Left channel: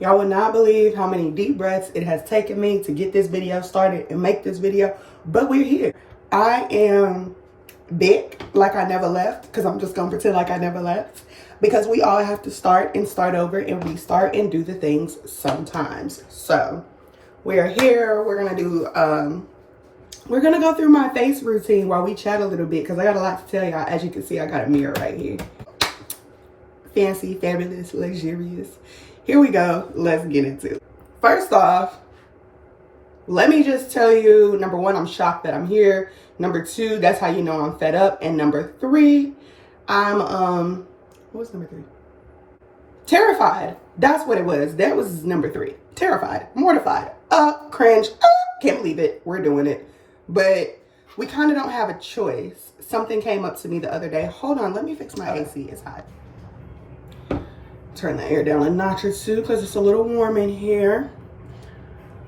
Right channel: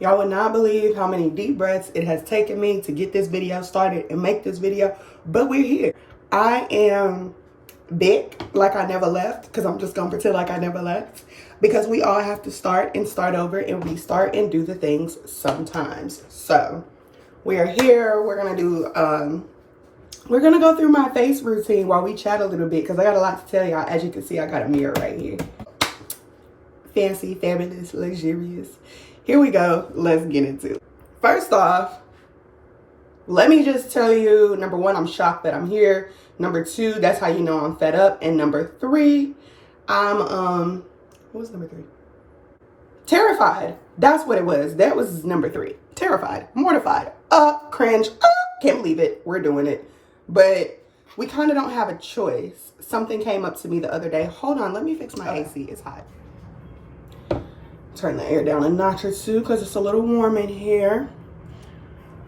Y'all would not believe how many deep breaths it has taken me to get this video started and make this video, but we're here. I am big like I never left, because I'm just gonna pretend like I never left, because we all have to start and start over and restart and do the things sometimes. So we are here. We're gonna do we're gonna go through my face routine while we chat a little bit, because I got a lot to tell y'all. As you can see, I got a mirror right here. Fancy, fabulous, luxurious. Here we go. Let's get into it. First off, let me just tell you, number one, I'm shocked that I'm here. Number two, that's how you know I'm fed up. And number three, I'm what was number three? Terrified. That's what it was. That was number three. Terrified, mortified, cringe, can't believe it. We're doing it. But we kind of don't have a choice. Something came up to me the other day. Hold on, let me fix my AC. It's hot. Turn the air down a notch or two because it's a little warm in here.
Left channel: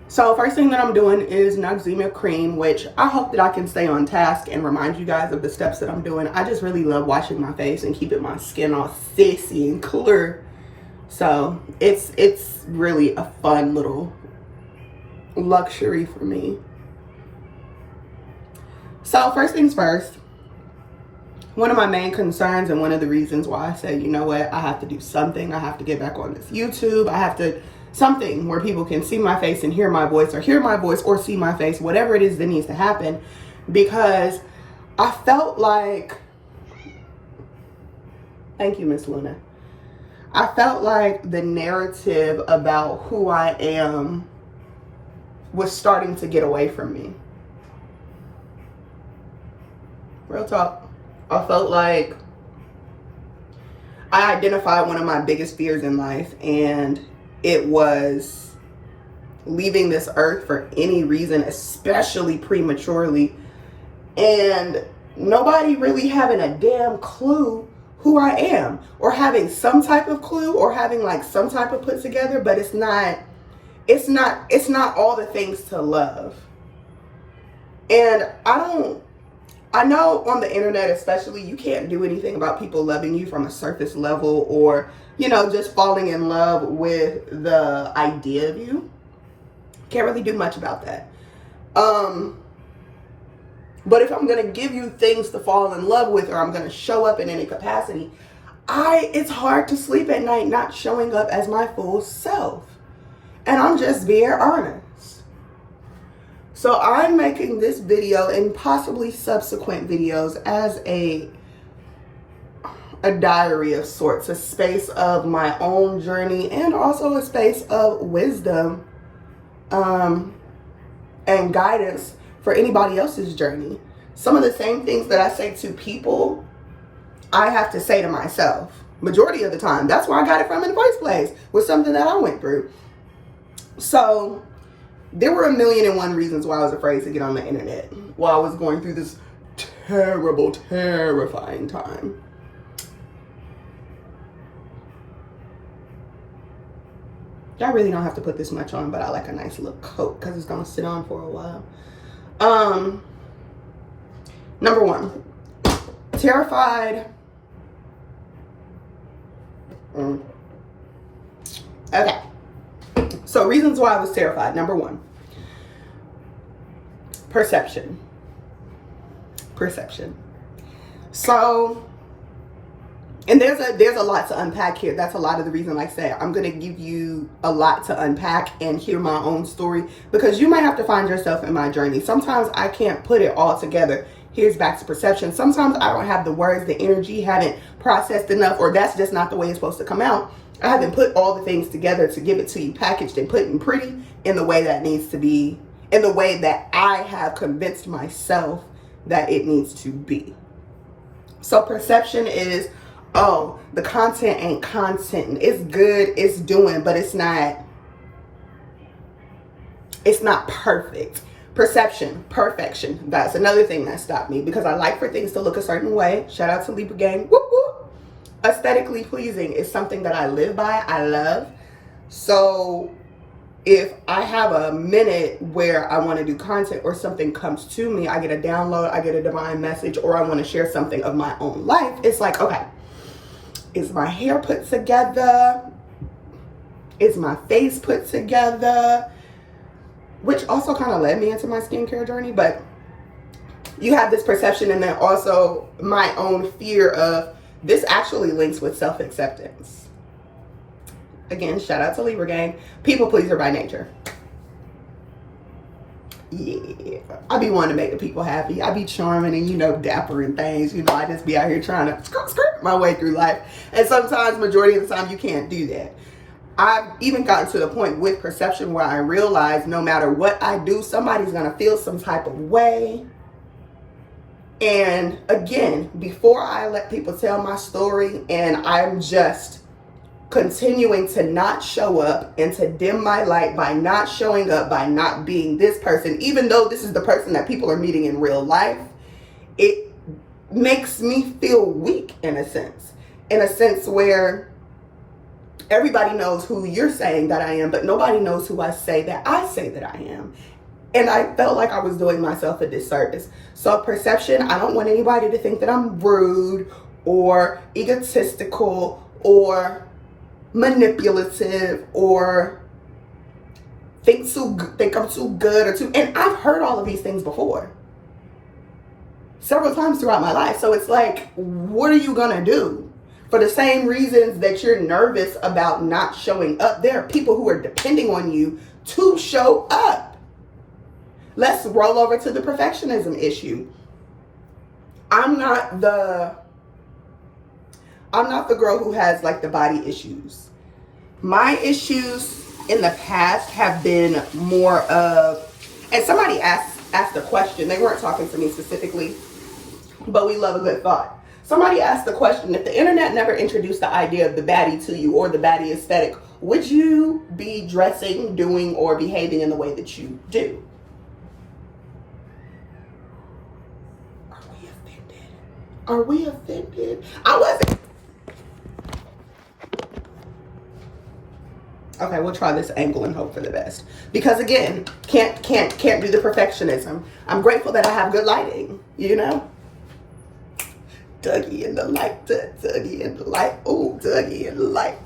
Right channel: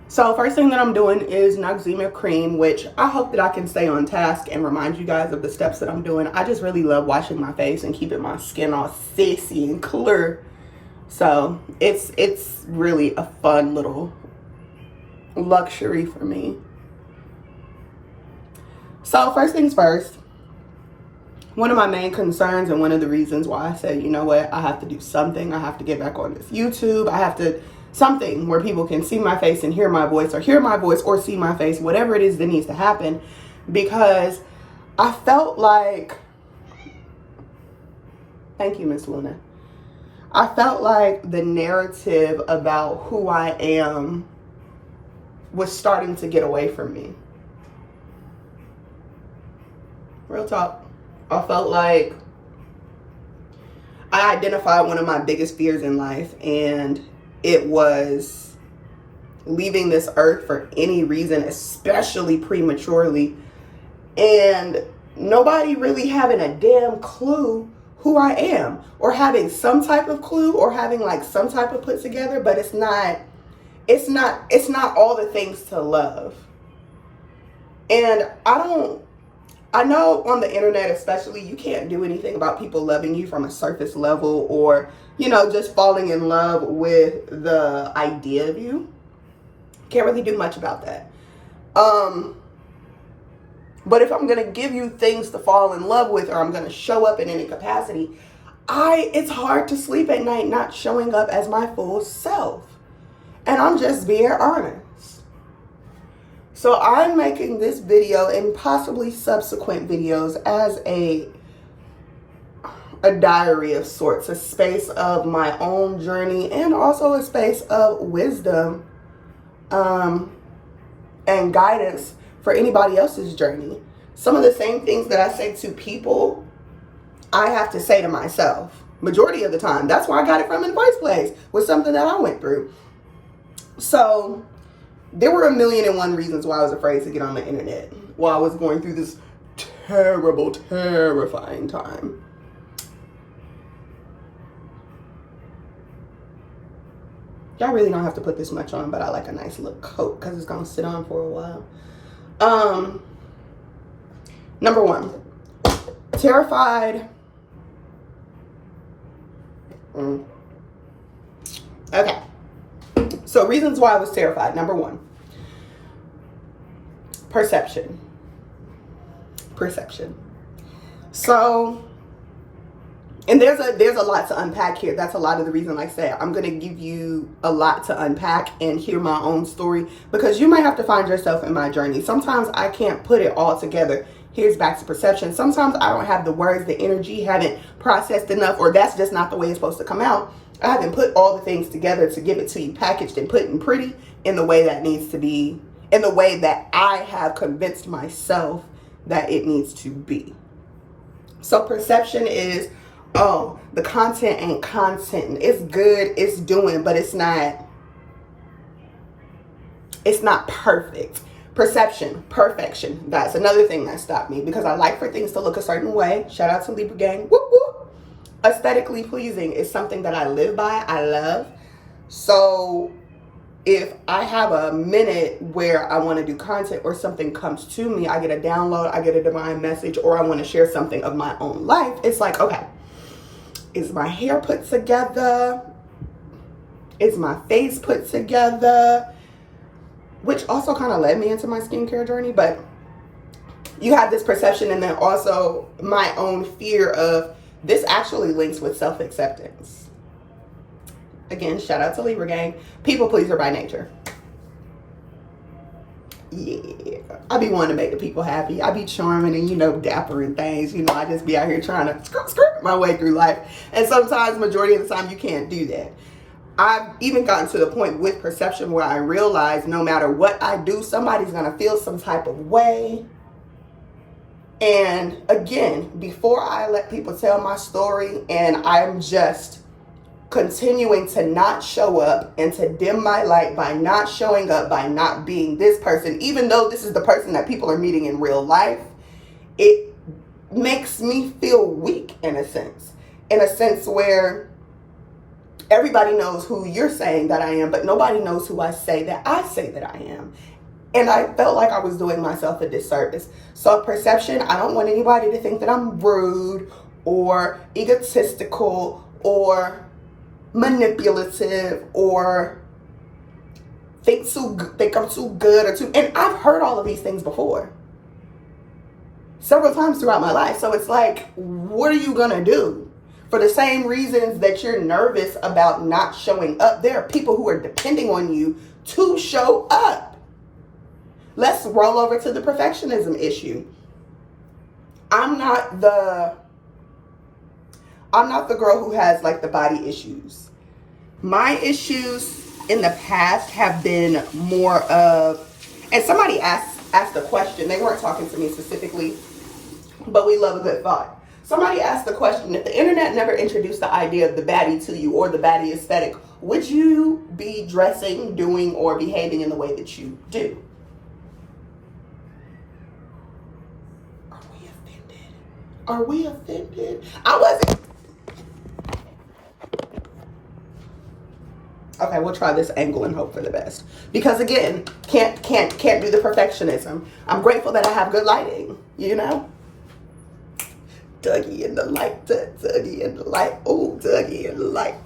So first thing that I'm doing is Noxzema cream, which I hope that I can stay on task and remind you guys of the steps that I'm doing. I just really love washing my face and keeping my skin all sissy and clear. So it's really a fun little luxury for me. So first things first, one of my main concerns and one of the reasons why I said, you know what, I have to do something. I have to get back on this YouTube. I have to, something where people can see my face and hear my voice or see my face, whatever it is that needs to happen. Because I felt like, thank you, Miss Luna. I felt like the narrative about who I am was starting to get away from me. Real talk. I felt like I identified one of my biggest fears in life, and it was leaving this earth for any reason, especially prematurely, and nobody really having a damn clue who I am, or having some type of clue, or having like some type of put together, but it's not all the things to love. And I know on the internet especially, you can't do anything about people loving you from a surface level, or, you know, just falling in love with the idea of you. Can't really do much about that. But if I'm going to give you things to fall in love with, or I'm going to show up in any capacity, it's hard to sleep at night not showing up as my full self. And I'm just being honest. So I'm making this video and possibly subsequent videos as a diary of sorts, a space of my own journey and also a space of wisdom and guidance for anybody else's journey. Some of the same things that I say to people, I have to say to myself majority of the time. That's where I got it from in the first place, was something that I went through. So there were 1,000,001 reasons why I was afraid to get on the internet while I was going through this terrible, terrifying time. Y'all really don't have to put this much on, but I like a nice little coat because it's going to sit on for a while. Number one, terrified. Okay. So reasons why I was terrified. Number one, perception. So, and there's a lot to unpack here. That's a lot of the reason, like I said, I'm going to give you a lot to unpack and hear my own story, because you might have to find yourself in my journey. Sometimes I can't put it all together. Here's back to perception. Sometimes I don't have the words, the energy, haven't processed enough, or that's just not the way it's supposed to come out. I haven't put all the things together to give it to you packaged and put in pretty in the way that needs to be, in the way that I have convinced myself that it needs to be. So perception is, oh, the content ain't content. It's good, it's doing, but it's not perfect. Perception, perfection. That's another thing that stopped me, because I like for things to look a certain way. Shout out to Libra gang. Whoop, whoop. Aesthetically pleasing is something that I live by, I love. So if I have a minute where I want to do content or something comes to me, I get a download, I get a divine message, or I want to share something of my own life, it's like, okay, is my hair put together? Is my face put together? Which also kind of led me into my skincare journey. But you have this perception, and then also my own fear of this actually links with self-acceptance. Again, shout out to Libra gang. People pleaser by nature. Yeah, I be wanting to make the people happy. I be charming and, you know, dapper and things. You know, I just be out here trying to skirt my way through life. And sometimes, majority of the time, you can't do that. I've even gotten to the point with perception where I realize no matter what I do, somebody's going to feel some type of way. And again, before I let people tell my story and I'm just continuing to not show up and to dim my light by not showing up, by not being this person, even though this is the person that people are meeting in real life, it makes me feel weak in a sense where everybody knows who you're saying that I am, but nobody knows who I say that I am. And I felt like I was doing myself a disservice. So perception, I don't want anybody to think that I'm rude or egotistical or manipulative or think I'm too good or too, and I've heard all of these things before several times throughout my life. So it's like, what are you gonna do? For the same reasons that you're nervous about not showing up, there are people who are depending on you to show up. Let's roll over to the perfectionism issue. I'm not the girl who has like the body issues. My issues in the past have been more of, and somebody asked a question. They weren't talking to me specifically, but we love a good thought. Somebody asked the question, if the internet never introduced the idea of the baddie to you or the baddie aesthetic, would you be dressing, doing, or behaving in the way that you do? Are we offended? I wasn't. Okay, we'll try this angle and hope for the best. Because again, can't do the perfectionism. I'm grateful that I have good lighting, you know? Dougie in the light, Dougie in the light, ooh, Dougie in the light.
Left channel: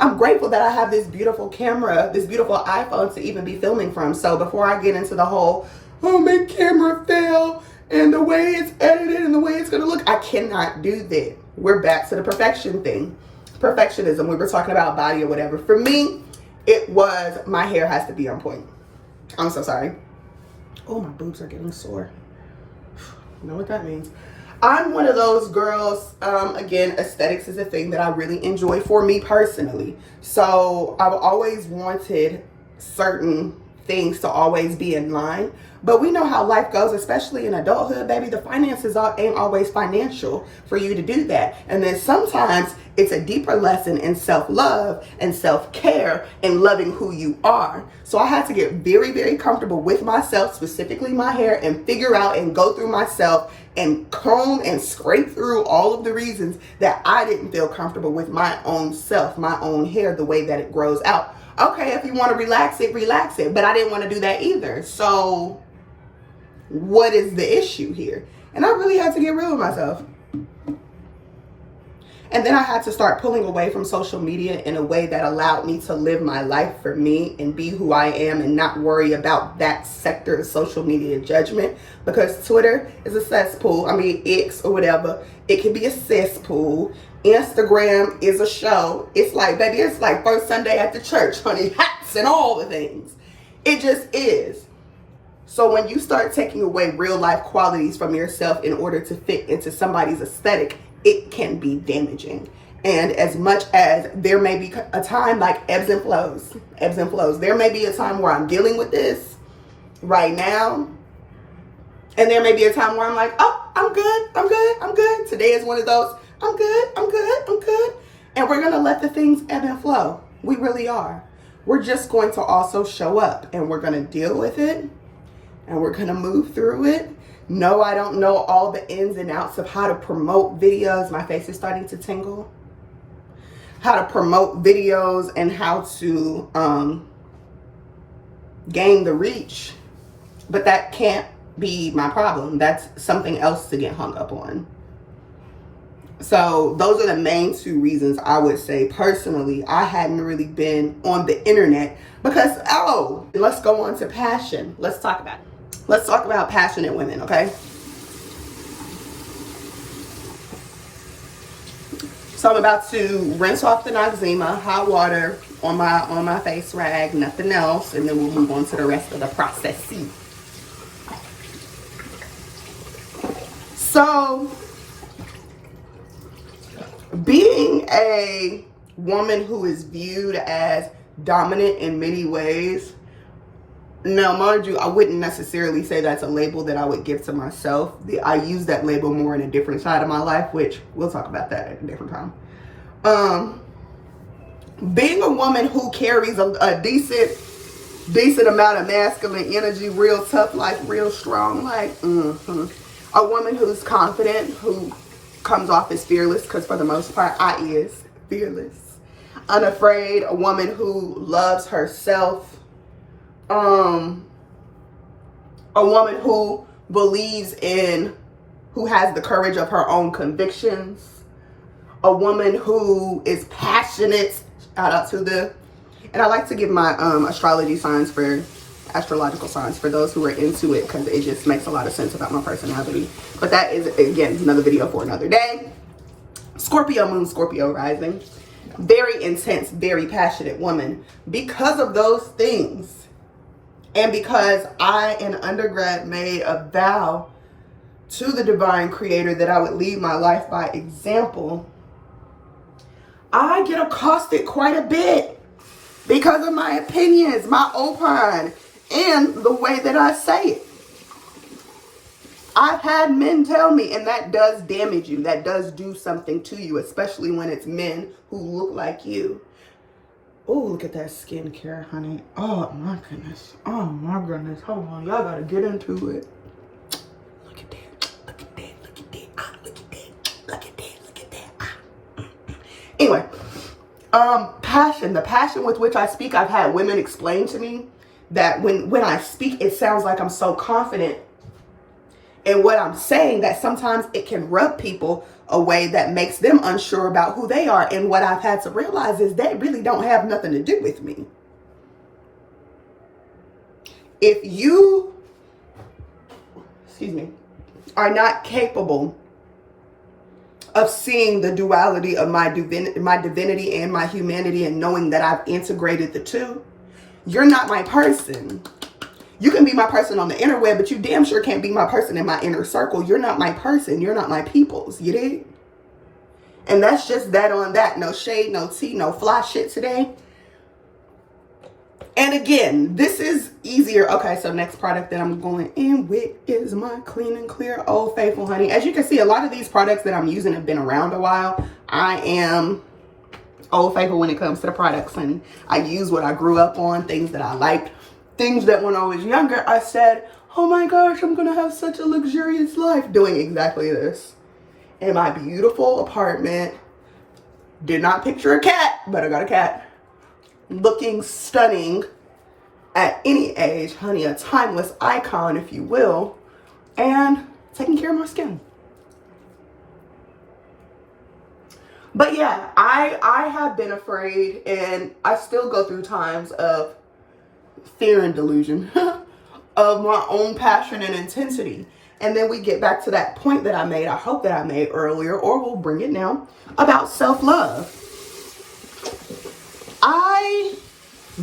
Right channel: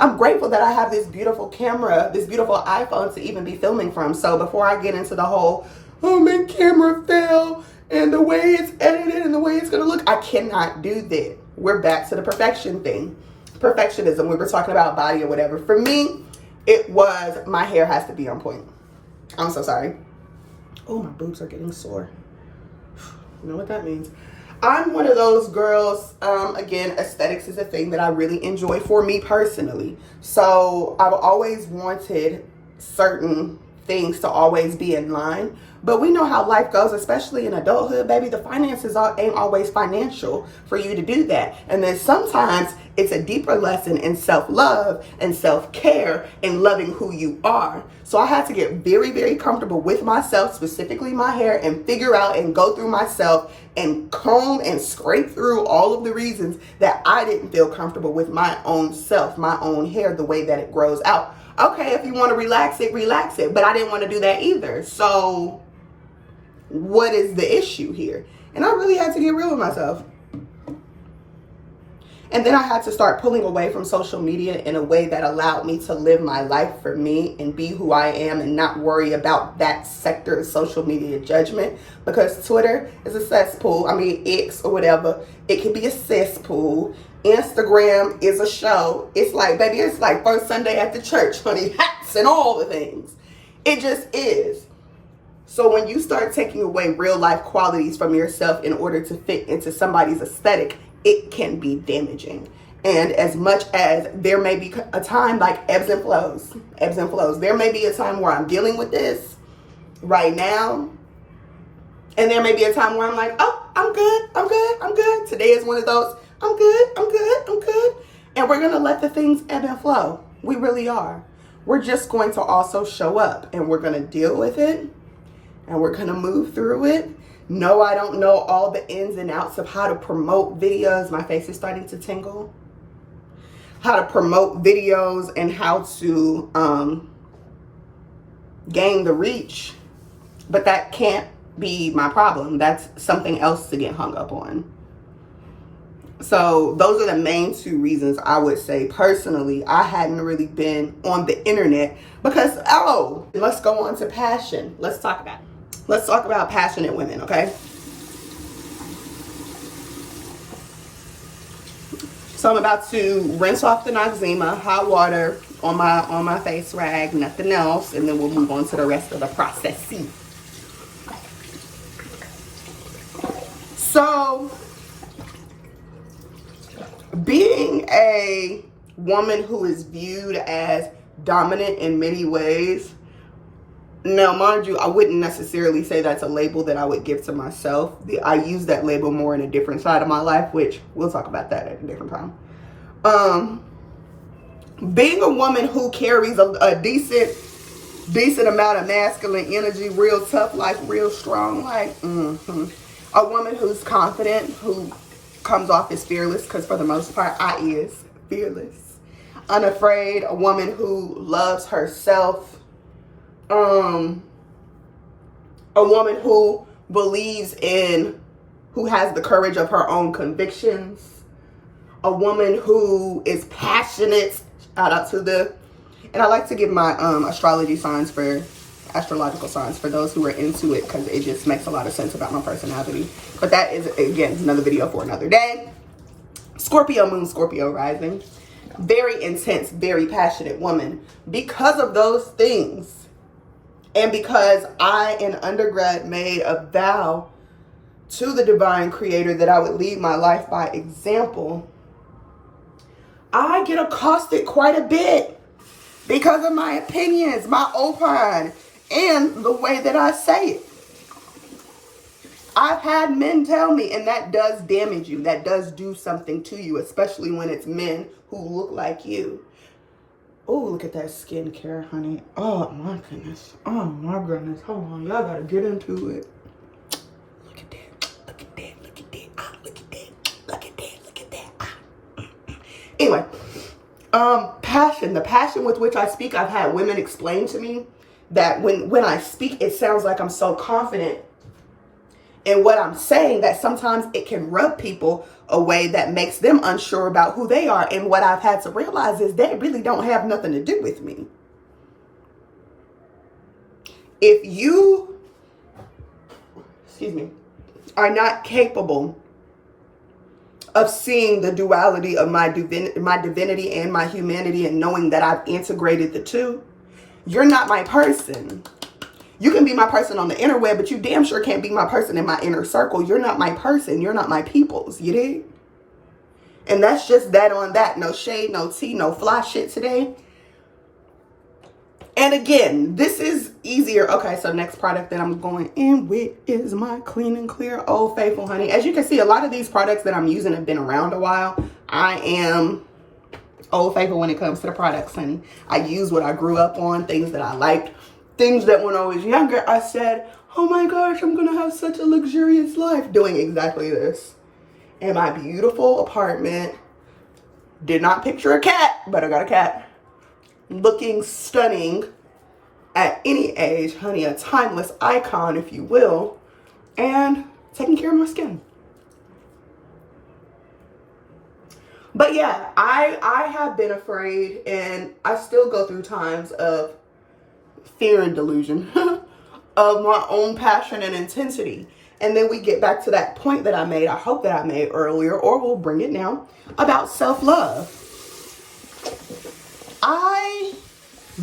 I'm grateful that I have this beautiful camera, this beautiful iPhone to even be filming from. So before I get into the whole, oh, my camera fell, and the way it's edited and the way it's gonna look, I cannot do that. We're back to the perfection thing. Perfectionism, we were talking about body or whatever. For me, it was my hair has to be on point. I'm so sorry. Oh, my boobs are getting sore. You know what that means. I'm one of those girls, again, aesthetics is a thing that I really enjoy for me personally. So I've always wanted certain things to always be in line. But we know how life goes, especially in adulthood, baby. The finances ain't always financial for you to do that. And then sometimes it's a deeper lesson in self-love and self-care and loving who you are. So I had to get very, very comfortable with myself, specifically my hair, and figure out and go through myself and comb and scrape through all of the reasons that I didn't feel comfortable with my own self, my own hair, the way that it grows out. Okay, if you want to relax it, relax it. But I didn't want to do that either. So what is the issue here? And I really had to get real with myself. And then I had to start pulling away from social media in a way that allowed me to live my life for me and be who I am and not worry about that sector of social media judgment, because Twitter is a cesspool. I mean, X or whatever. It can be a cesspool. Instagram is a show. It's like, baby, it's like first Sunday at the church, honey, hats and all the things. It just is. So when you start taking away real life qualities from yourself in order to fit into somebody's aesthetic, it can be damaging. And as much as there may be a time, like ebbs and flows, there may be a time where I'm dealing with this right now. And there may be a time where I'm like, oh, I'm good. Today is one of those, I'm good. And we're going to let the things ebb and flow. We really are. We're just going to also show up and we're going to deal with it and we're going to move through it. No, I don't know all the ins and outs of how to promote videos. My face is starting to tingle. How to promote videos and how to gain the reach. But that can't be my problem. That's something else to get hung up on. So those are the main two reasons I would say personally I hadn't really been on the internet, because let's go on to passion. Let's talk about it. Let's talk about passionate women, okay? So I'm about to rinse off the Noxzema, hot water on my face rag, nothing else, and then we'll move on to the rest of the process. So, being a woman who is viewed as dominant in many ways, now mind you, I wouldn't necessarily say that's a label that I would give to myself. I use that label more in a different side of my life, which we'll talk about that at a different time. Being a woman who carries a decent amount of masculine energy, real tough, like real strong, like a woman who's confident, who comes off as fearless, because for the most part I is fearless, unafraid, a woman who loves herself, a woman who believes in, who has the courage of her own convictions, a woman who is passionate. Shout out to and I like to give my astrological signs for those who are into it, because it just makes a lot of sense about my personality. But that is, again, another video for another day. Scorpio moon, Scorpio rising. Very intense, very passionate woman. Because of those things, and because I, in undergrad, made a vow to the divine creator that I would lead my life by example, I get accosted quite a bit because of my opinions, my opine, and the way that I say it. I've had men tell me, and that does damage you. That does do something to you, especially when it's men who look like you. Oh, look at that skincare, honey. Oh, my goodness. Oh, my goodness. Hold on. Y'all got to get into it. Look at that. Look at that. Look at that. Ah, look at that. Look at that. Look at that. Ah. Anyway, passion. The passion with which I speak, I've had women explain to me that when I speak, it sounds like I'm so confident in what I'm saying that sometimes it can rub people a way that makes them unsure about who they are. And what I've had to realize is that really don't have nothing to do with me. If you, are not capable of seeing the duality of my divinity and my humanity, and knowing that I've integrated the two, you're not my person. You can be my person on the interweb, but you damn sure can't be my person in my inner circle. You're not my person. You're not my peoples. You dig? And that's just that on that. No shade, no tea, no fly shit today. And again, this is easier. Okay, so next product that I'm going in with is my Clean and Clear Old Faithful, honey. As you can see, a lot of these products that I'm using have been around a while. I am Old Faithful when it comes to the products, honey. I use what I grew up on, things that I liked. Things that when I was younger, I said, oh my gosh, I'm going to have such a luxurious life doing exactly this. In my beautiful apartment. Did not picture a cat, but I got a cat. Looking stunning at any age, honey, a timeless icon, if you will. And taking care of my skin. But yeah, I have been afraid, and I still go through times of fear and delusion of my own passion and intensity. And then we get back to that point that I hope that I made earlier, or we'll bring it now, about self-love. I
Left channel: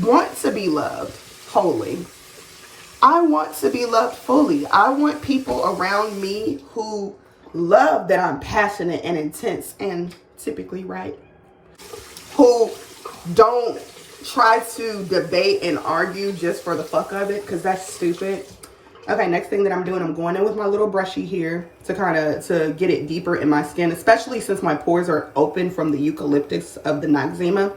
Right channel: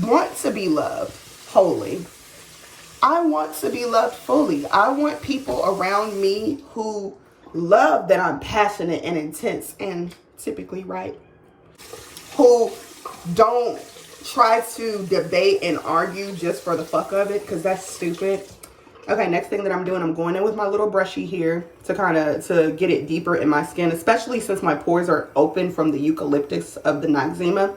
want to be loved wholly. I want to be loved fully. I want people around me who love that I'm passionate and intense and typically right. Who don't try to debate and argue just for the fuck of it, because that's stupid. Okay, next thing that I'm doing, I'm going in with my little brushy here to get it deeper in my skin, especially since my pores are open from the eucalyptus of the Noxzema.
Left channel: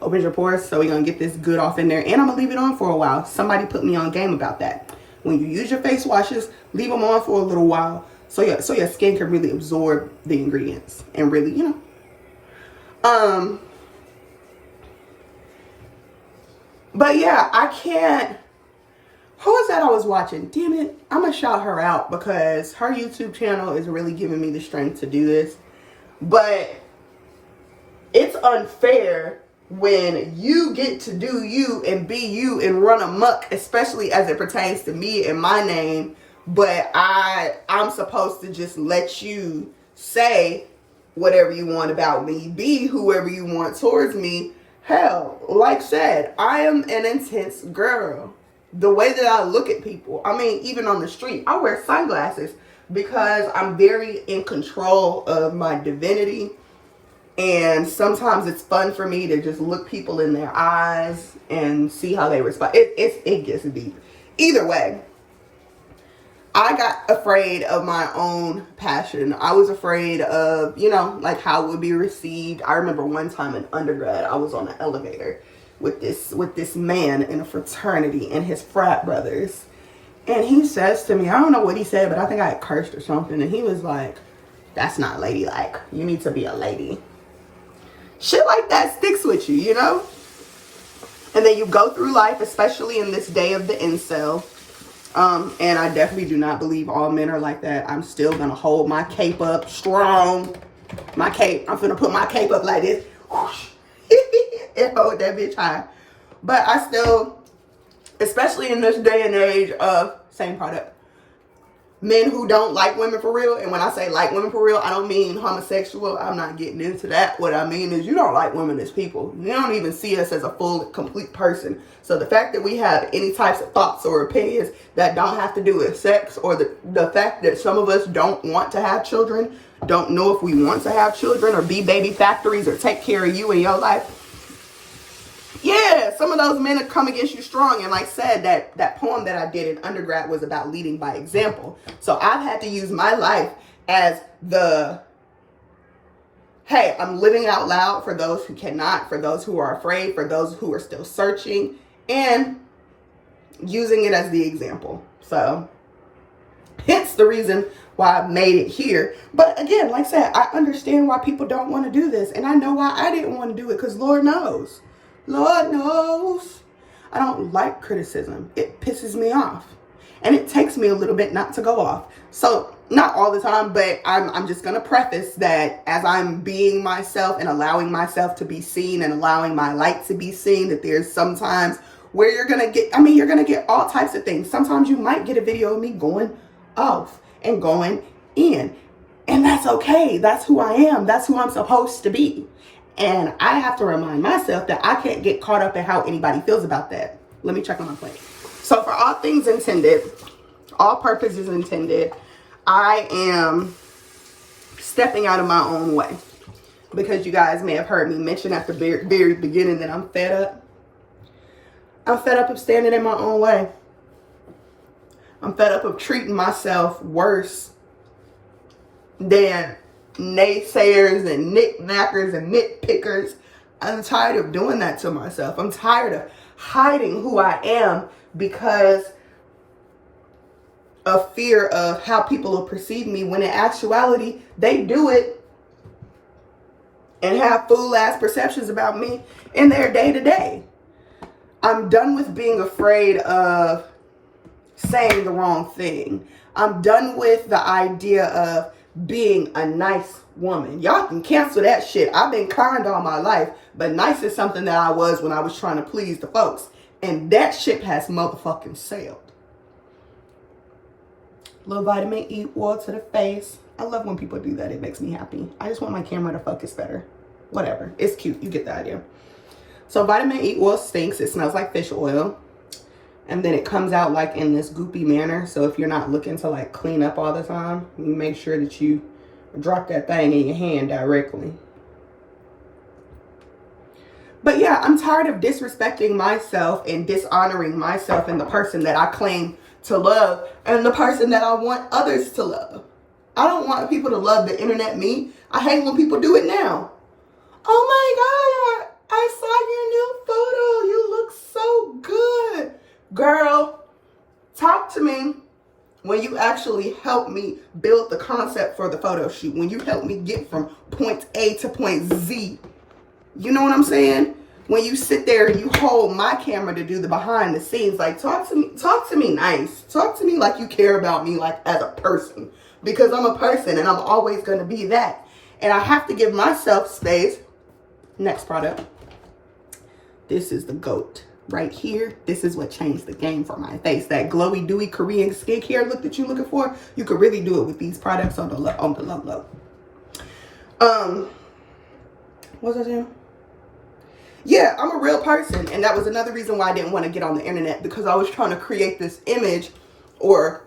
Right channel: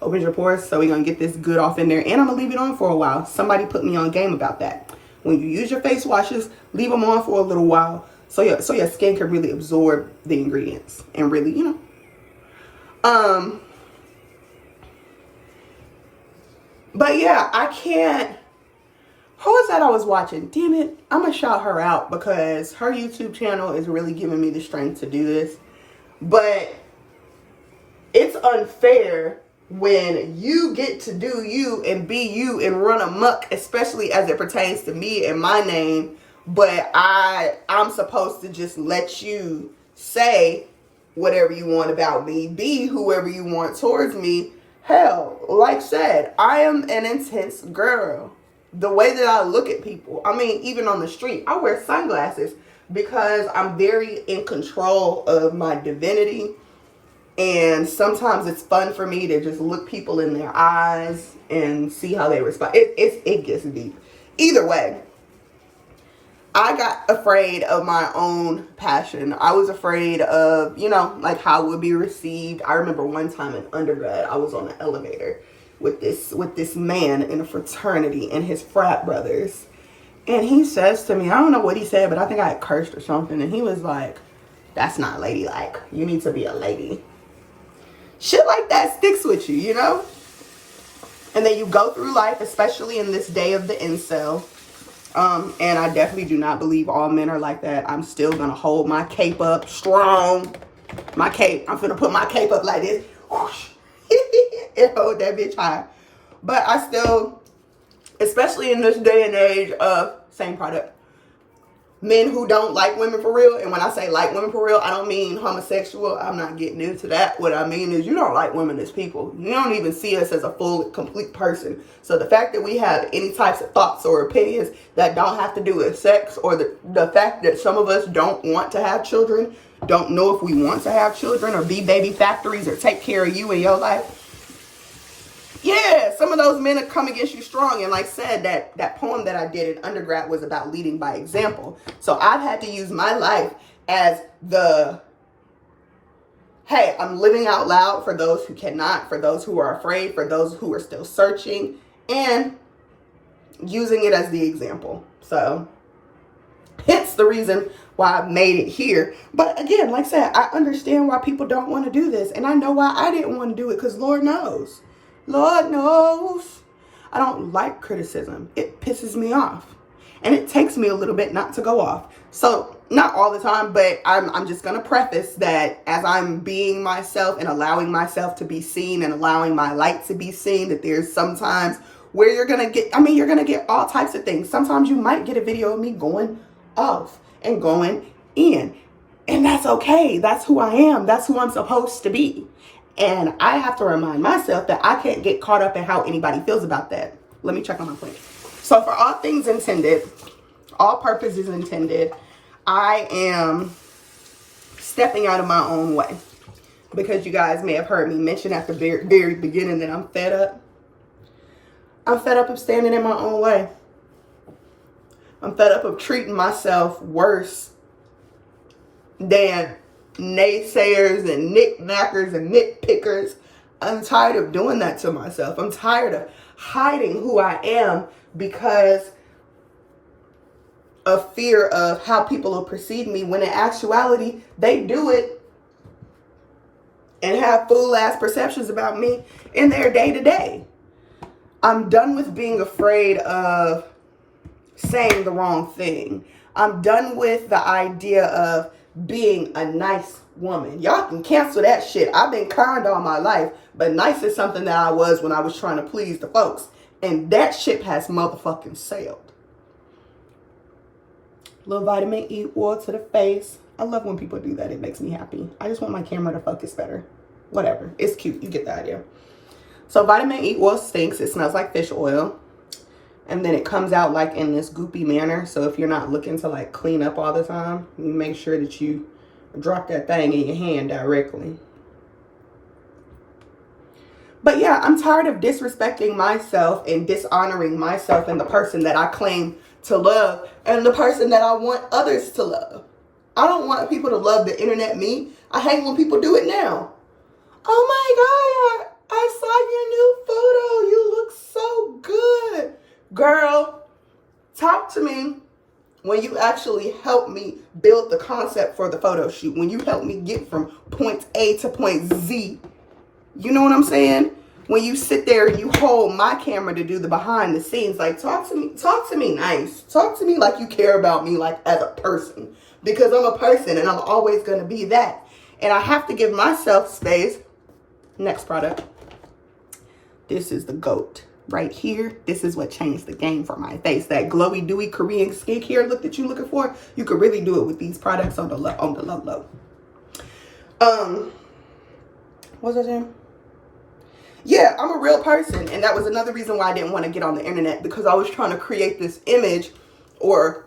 Opens your pores, so we're gonna get this good off in there, and I'm gonna leave it on for a while. Somebody put me on game about that. When you use your face washes, leave them on for a little while so your skin can really absorb the ingredients and really, But yeah, I can't. Who was that I was watching? Damn it. I'm going to shout her out because her YouTube channel is really giving me the strength to do this. But it's unfair when you get to do you and be you and run amok, especially as it pertains to me and my name, but I'm supposed to just let you say whatever you want about me, be whoever you want towards me. Hell, like said, I am an intense girl. The way that I look at people, I mean, even on the street, I wear sunglasses because I'm very in control of my divinity. And sometimes it's fun for me to just look people in their eyes and see how they respond. It gets deep. Either way, I got afraid of my own passion. I was afraid of, like how it would be received. I remember one time in undergrad, I was on an elevator with this man in a fraternity and his frat brothers. And he says to me, I don't know what he said, but I think I had cursed or something. And he was like, "That's not ladylike. You need to be a lady." Shit like that sticks with you, And then you go through life, especially in this day of the incel. And I definitely do not believe all men are like that. I'm still going to hold my cape up strong. My cape. I'm going to put my cape up like this. Whoosh, and hold that bitch high. But I still, especially in this day and age of same product, men who don't like women for real. And when I say like women for real, I don't mean homosexual. I'm not getting into that. What I mean is you don't like women as people. You don't even see us as a full, complete person. So the fact that we have any types of thoughts or opinions that don't have to do with sex, or the fact that some of us don't want to have children, don't know if we want to have children or be baby factories or take care of you in your life. Yeah, some of those men are come against you strong. And like I said, that poem that I did in undergrad was about leading by example. So I've had to use my life as hey, I'm living out loud for those who cannot, for those who are afraid, for those who are still searching, and using it as the example. So hence the reason why I made it here. But again, like I said, I understand why people don't want to do this. And I know why I didn't want to do it, because Lord knows. Lord knows. I don't like criticism. It pisses me off. And it takes me a little bit not to go off. So not all the time, but I'm just going to preface that as I'm being myself and allowing myself to be seen and allowing my light to be seen, that there's sometimes where you're going to get all types of things. Sometimes you might get a video of me going off and going in. And that's okay. That's who I am. That's who I'm supposed to be. And I have to remind myself that I can't get caught up in how anybody feels about that. Let me check on my plate. So for all things intended, all purposes intended, I am stepping out of my own way. Because you guys may have heard me mention at the very beginning that I'm fed up. I'm fed up of standing in my own way. I'm fed up of treating myself worse than naysayers and knick-knackers and nitpickers. I'm tired of doing that to myself. I'm tired of hiding who I am because of fear of how people will perceive me, when in actuality, they do it and have fool-ass perceptions about me in their day-to-day. I'm done with being afraid of saying the wrong thing. I'm done with the idea of being a nice woman. Y'all can cancel that shit. I've been kind all my life, but nice is something that I was when I was trying to please the folks. And that shit has motherfucking sailed. Little vitamin E oil to the face. I love when people do that. It makes me happy. I just want my camera to focus better. Whatever. It's cute. You get the idea. So vitamin E oil stinks. It smells like fish oil. And then it comes out like in this goopy manner. So if you're not looking to like clean up all the time, you make sure that you drop that thing in your hand directly. But yeah, I'm tired of disrespecting myself and dishonoring myself and the person that I claim to love and the person that I want others to love. I don't want people to love the internet me. I hate when people do it now. Oh my God, I saw your new photo. You look so good. Girl, talk to me when you actually help me build the concept for the photo shoot. When you help me get from point A to point Z. You know what I'm saying? When you sit there and you hold my camera to do the behind the scenes, like talk to me nice. Talk to me like you care about me, like as a person, because I'm a person and I'm always going to be that. and I have to give myself space. Next product. This is the GOAT right here. This is what changed the game for my face. That glowy, dewy Korean skincare look that you're looking for, you could really do it with these products on the low. What's I saying? Yeah, I'm a real person, and that was another reason why I didn't want to get on the internet, because I was trying to create this image, or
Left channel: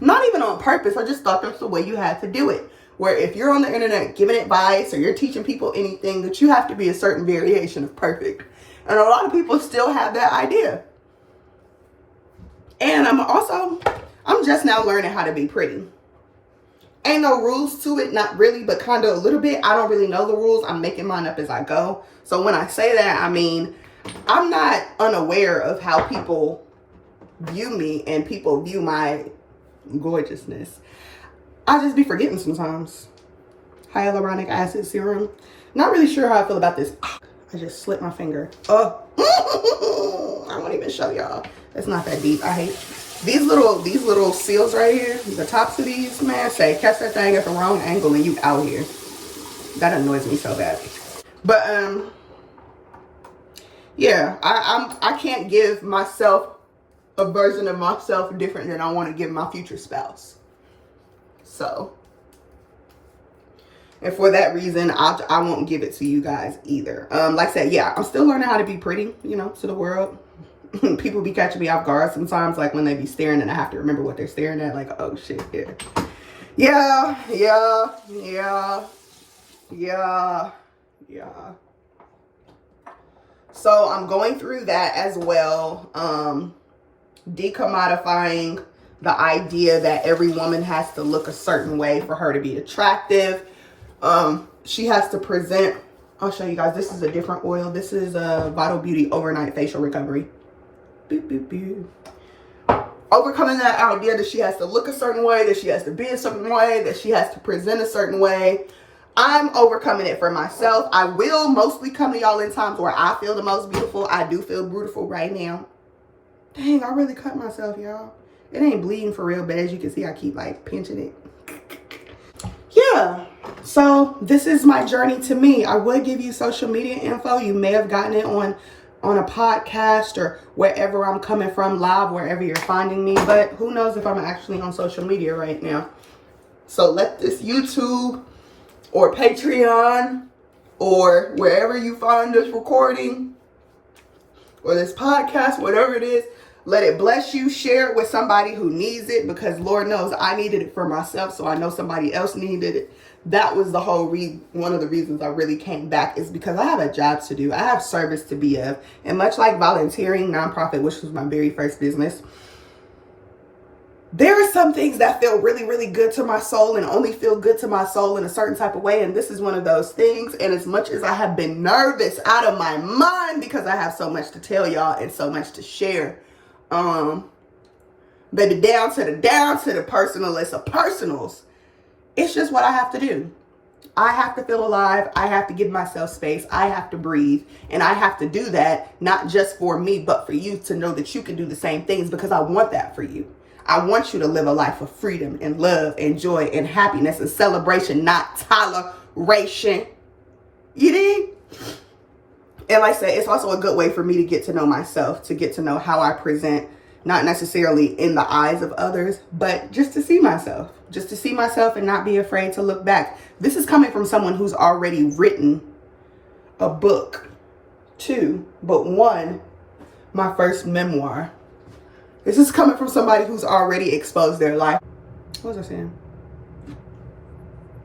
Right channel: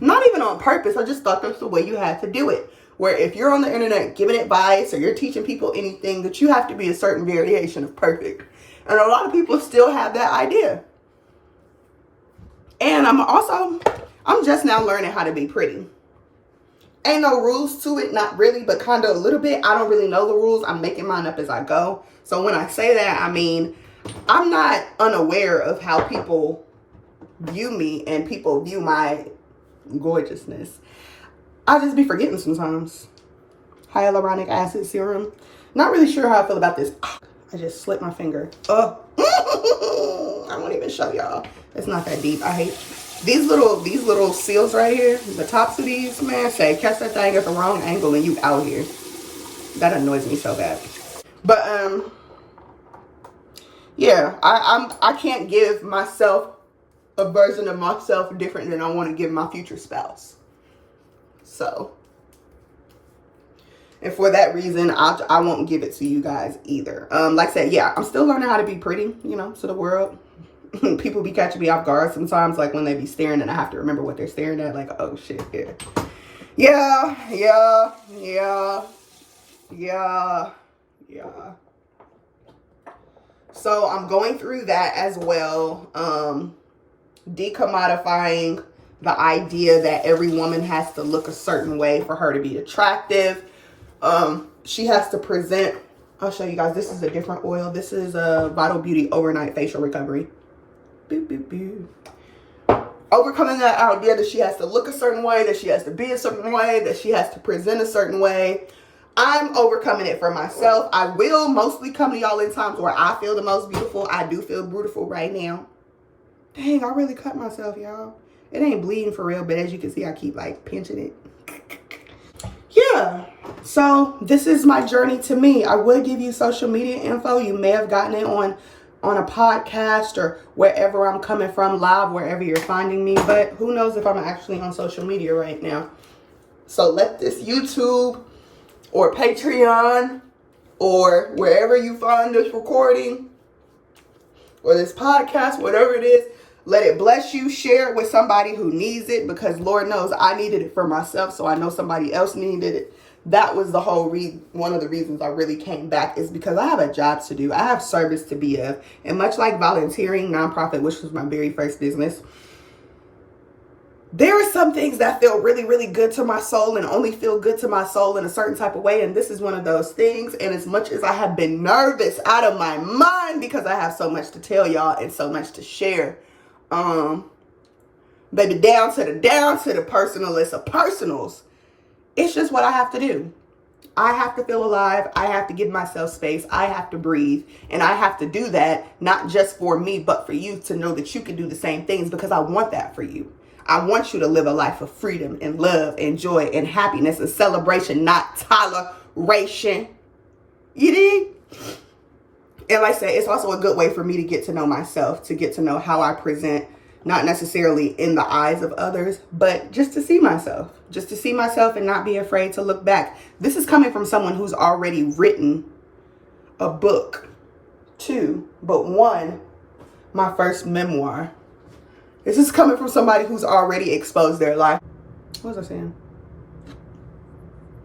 not even on purpose. I just thought that's the way you had to do it. Where if you're on the internet giving advice or you're teaching people anything, that you have to be a certain variation of perfect. And a lot of people still have that idea. And I'm just now learning how to be pretty. Ain't no rules to it, not really, but kind of a little bit. I don't really know the rules. I'm making mine up as I go. So when I say that, I mean, I'm not unaware of how people view me and people view my gorgeousness. I just be forgetting sometimes. Hyaluronic acid serum. Not really sure how I feel about this. I just slipped my finger. Oh, I won't even show y'all. It's not that deep. I hate these little seals right here. The tops of these, man, say catch that thing at the wrong angle and you out here. That annoys me so bad. But yeah, I can't give myself a version of myself different than I want to give my future spouse. So, and for that reason, I won't give it to you guys either. Like I said, yeah, I'm still learning how to be pretty, you know, to the world. People be catching me off guard sometimes, like when they be staring and I have to remember what they're staring at. Like, oh shit, yeah. So I'm going through that as well. Decommodifying the idea that every woman has to look a certain way for her to be attractive. She has to present, I'll show you guys, this is a different oil. This is a Vital Beauty Overnight Facial Recovery. Boop, boop, boop. Overcoming that idea that she has to look a certain way, that she has to be a certain way, that she has to present a certain way. I'm overcoming it for myself. I will mostly come to y'all in times where I feel the most beautiful. I do feel beautiful right now. Dang, I really cut myself, y'all. It ain't bleeding for real, but as you can see, I keep like pinching it. Yeah, so this is my journey to me. I would give you social media info. You may have gotten it on a podcast or wherever I'm coming from, live, wherever you're finding me. But who knows if I'm actually on social media right now. So let this YouTube or Patreon or wherever you find this recording or this podcast, whatever it is, let it bless you. Share it with somebody who needs it, because Lord knows I needed it for myself, so I know somebody else needed it. That was the whole one of the reasons I really came back, is because I have a job to do. I have service to be of. And much like volunteering, nonprofit, which was my very first business, there are some things that feel really, really good to my soul and only feel good to my soul in a certain type of way. And this is one of those things. And as much as I have been nervous out of my mind because I have so much to tell y'all and so much to share, baby, down to the personalist of personals, it's just what I have to do. I have to feel alive. I have to give myself space. I have to breathe. And I have to do that, not just for me, but for you to know that you can do the same things, because I want that for you. I want you to live a life of freedom and love and joy and happiness and celebration, not toleration. You dig? And like I said, it's also a good way for me to get to know myself, to get to know how I present, not necessarily in the eyes of others, but just to see myself and not be afraid to look back. This is coming from someone who's already written a book, 2, but 1, my first memoir. This is coming from somebody who's already exposed their life. What was I saying?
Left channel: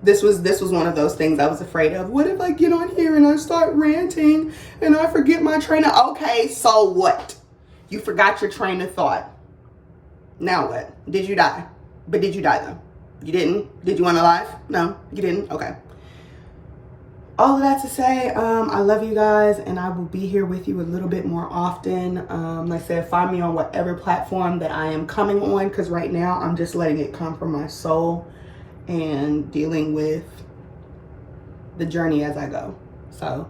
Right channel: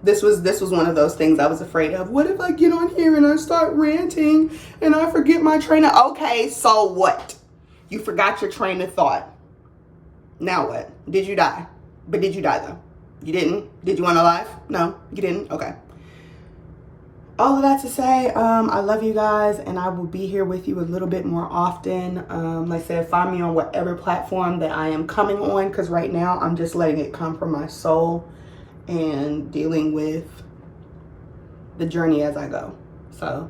This was one of those things I was afraid of. What if I get on here and I start ranting and I forget my train of... Okay, so what? You forgot your train of thought. Now what? Did you die? But did you die though? You didn't? Did you want to live? No, you didn't? Okay. All of that to say, I love you guys, and I will be here with you a little bit more often. Like I said, find me on whatever platform that I am coming on, because right now I'm just letting it come from my soul and dealing with the journey as I go. So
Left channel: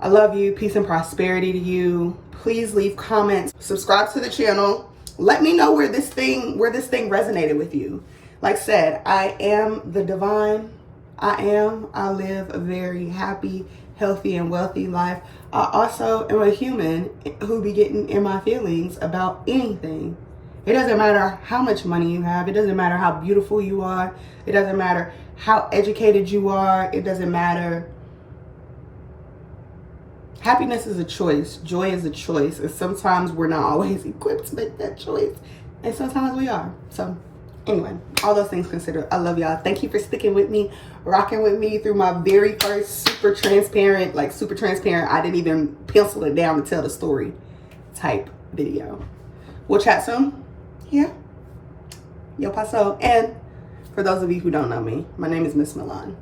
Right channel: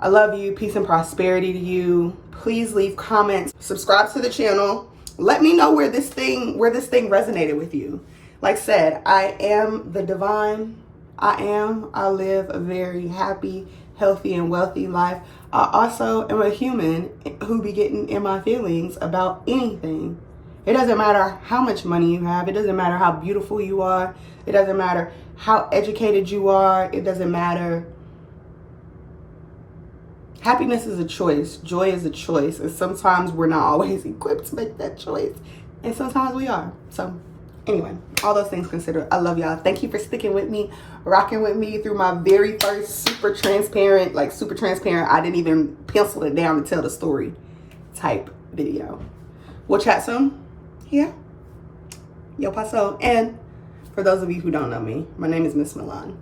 I love you. Peace and prosperity to you. Please leave comments. Subscribe to the channel. Let me know where this thing resonated with you. Like I said, I am the divine. I live a very happy, healthy, and wealthy life. I also am a human who be getting in my feelings about anything. It doesn't matter how much money you have. It doesn't matter how beautiful you are. It doesn't matter how educated you are. It doesn't matter. Happiness is a choice. Joy is a choice. And sometimes we're not always equipped to make that choice. And sometimes we are. So anyway, all those things considered, I love y'all. Thank you for sticking with me, rocking with me through my very first super transparent, I didn't even pencil it down to tell the story type video. We'll chat soon. Yeah. Yo paso. And for those of you who don't know me, my name is Miss Milan.